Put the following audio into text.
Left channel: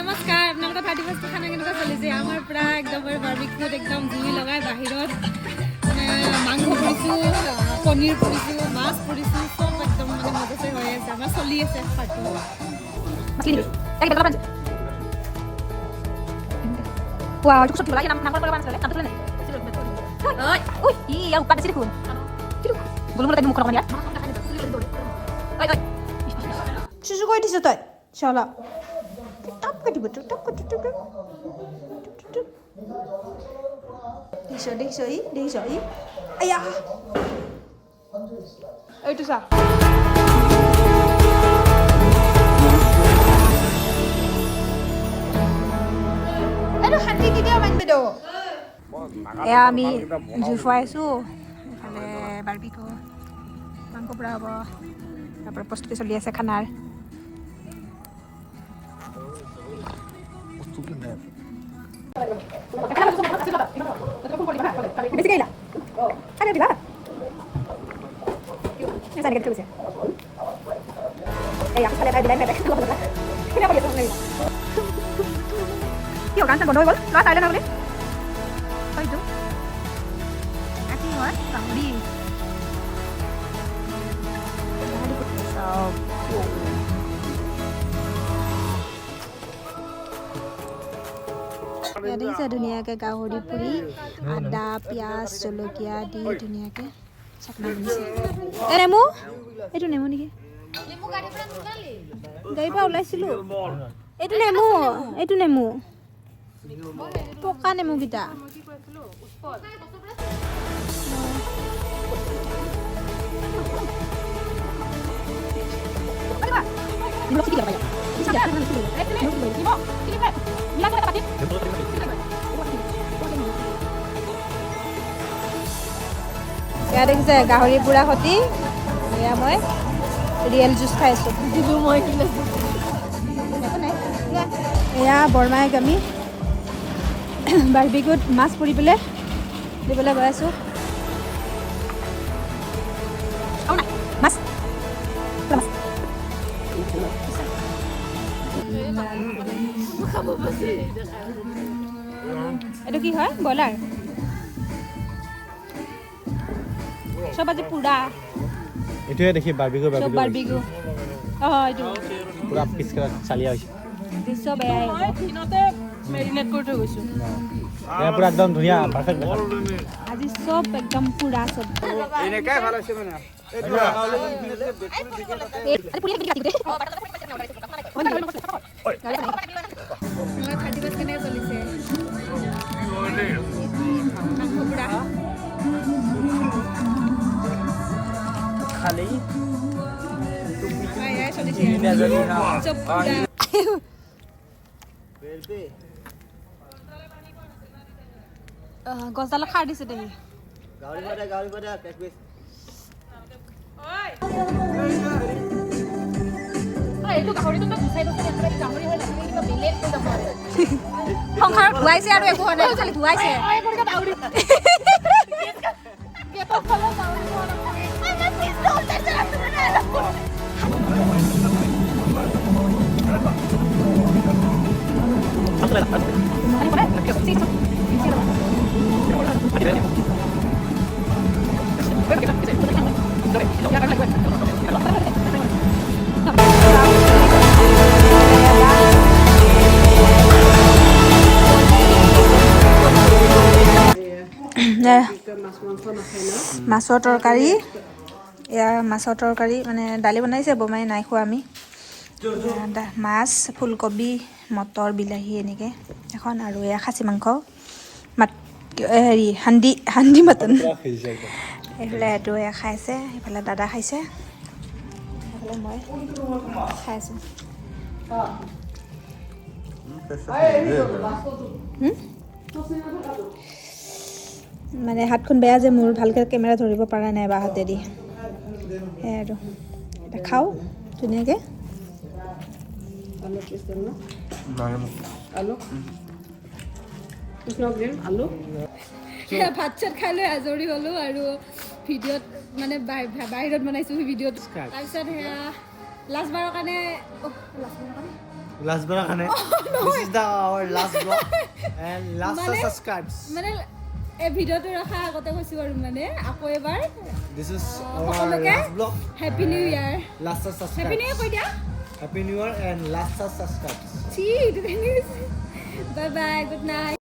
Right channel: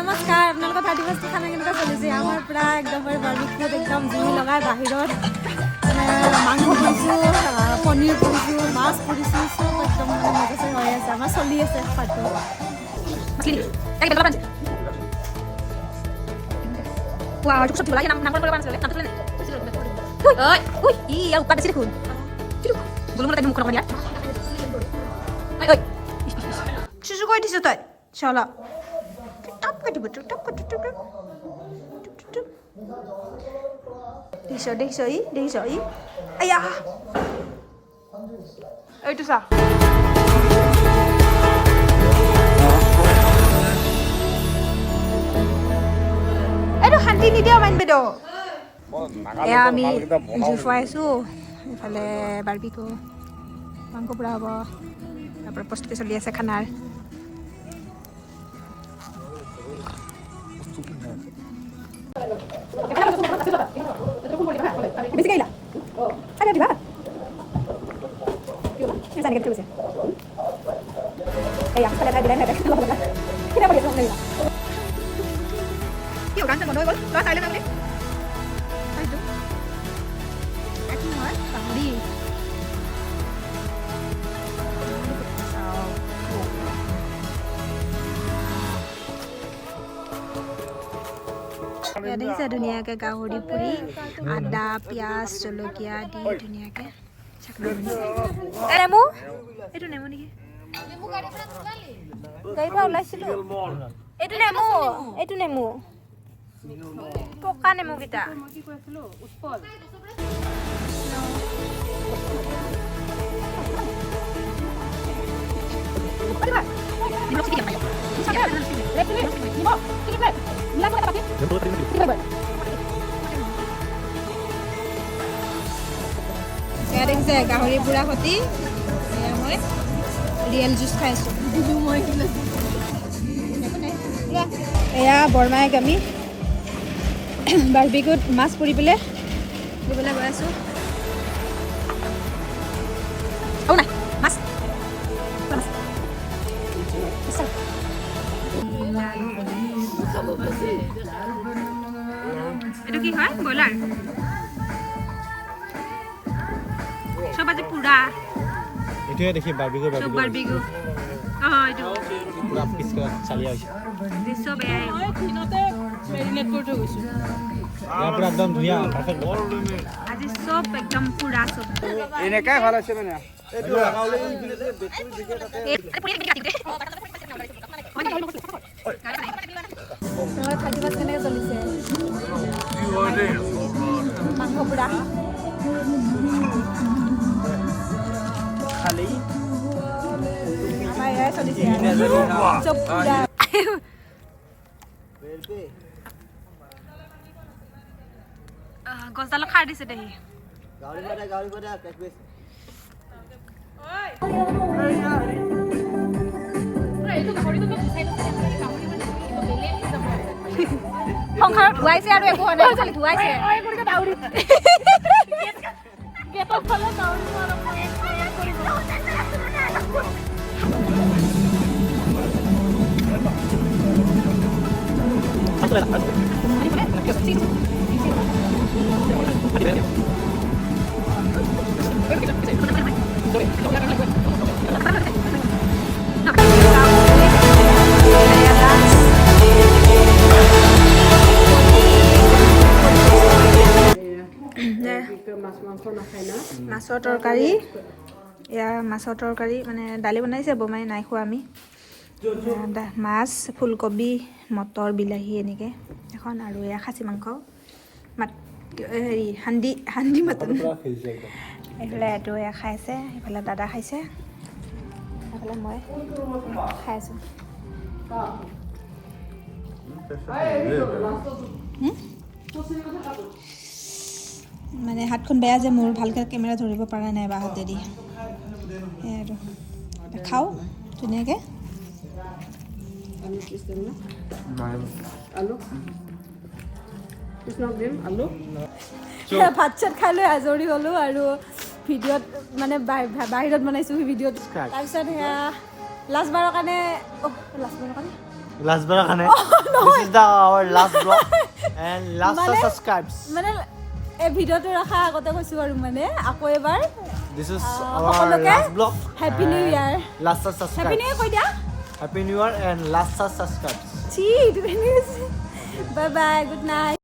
নমস্কাৰ আপোনালোকৰ 31st খানা কেনেকুৱা চলিছে আমাৰ পুৰা একদম বাৰ্বিকিউত একদম জুই লগাই বাহিৰত মানে মাংস পুৰিছোঁ পনীৰ পুৰিছোঁ মাছ পুৰিছোঁ চব একদম মানে মজাছে হৈ আছে আমাৰ চলি আছে পাৰ্টটো wow cukup satu lagi nang kalau panas lele nanti lele oi oi iya bukan di sini kun belum mulai tadi mau kerja oi oi susu kau di situ tak salah tap ke betul tap ke deh ayah itu sah Ini dia main bedo. Ya আমি জুই ফুৱাইছোঁ ইফালে barbecue মাংস পুৰা হ'ব তাৰপৰা প্ৰস্তুতি চলি আছে খানাৰ বেছি গাইলা আরে দিবা জানি কেটে গৈছে এই আফালে ভাই দিলাই নাই কিনা কৰি আছো নাই কি গান চান বন্ধ হৈ গ'ল ল'ৰা চাইলে না বুলি হয়তো কি হয় বামুৰি দেখিছে ধুনীয়াকৈ গাহৰি পুৰি আদা পিঁয়াজ জলকীয়া দি ধুনীয়াকৈ চাকৰি দিছে নেমু এইটো নেমু নেকি এইটো নেমু পকা নেমুকেইটা এয়া দেখিছে গাহৰি পুৰা সতি এয়া মই ৰিয়েল জুচ খাই আছো এয়া বৰমাইক আমি বাৰ্বিকিউত মাছ পুৰি পেলাই দি পেলাই গৈ আছোঁ নাই মাছ এইটো কি হয় ব্ৰইলাৰ চব আজি পুৰা এইটোৱে দেখি বাৰ্বিকিউ চব বাৰ্বিকিউ এইটো পুৰা পিচ কৰা চালিয়া হৈছে দৃশ্য বেয়াই মেৰিনেট কৰি থৈ গৈছোঁ পুৰা একদম ধুনীয়া পাৰফেক্ট আজি চব একদম পুৰা চব এনেকাই ভাল আছে মানে কেনেকৈ চলিছে মাংস পুৰা আমাৰ এয়াই চলিছে চব পুৰা গছডালত খাৰ দিছে দেহি সংসাৰত ধুৱাইছে আৰু একো হোৱা নাই খালি ধুৱাইছে মাছৰ তৰকাৰী এয়া মাছৰ তৰকাৰী মানে দালি বনাইছে বমাই নাই খোৱা আমি মাছ ফুলকবি মটৰ বিলাহী এনেকৈ এখন আৰু এয়া খাচী মাংস হেৰি হান্দি মাটন এইফালে এইটো এয়া খাইছে এইফালে দাদা খাইছে এইফালে মই খাই আছোঁ মানে হাতখন বেয়া যে মোৰ ভালকৈ কেমেৰা ধৰিব পৰা নাই বা হাতেদি সেয়াই আৰু খাওঁ ধুনীয়াকৈ ভাত চাত খাই লৈ আজৰি হ'লোঁ আৰু ভিডিঅ'ত মানে বাহিৰত বনাইছোঁ সেই ভিডিঅ'ত তাৰপিছত সেয়া লাষ্টবাৰৰ কাৰণে Last bar khane. This is the our last vlog and last subscribes. মানে এই ভিডিওটো ৰাখা আগতে কৈছো আৰু মানে আকৌ এবাৰ This is our last vlog. Happy new year Last subscribe. Happy new ইয়াৰ কৈ দিয়া Happy New Year and last subscribes. Bye bye good night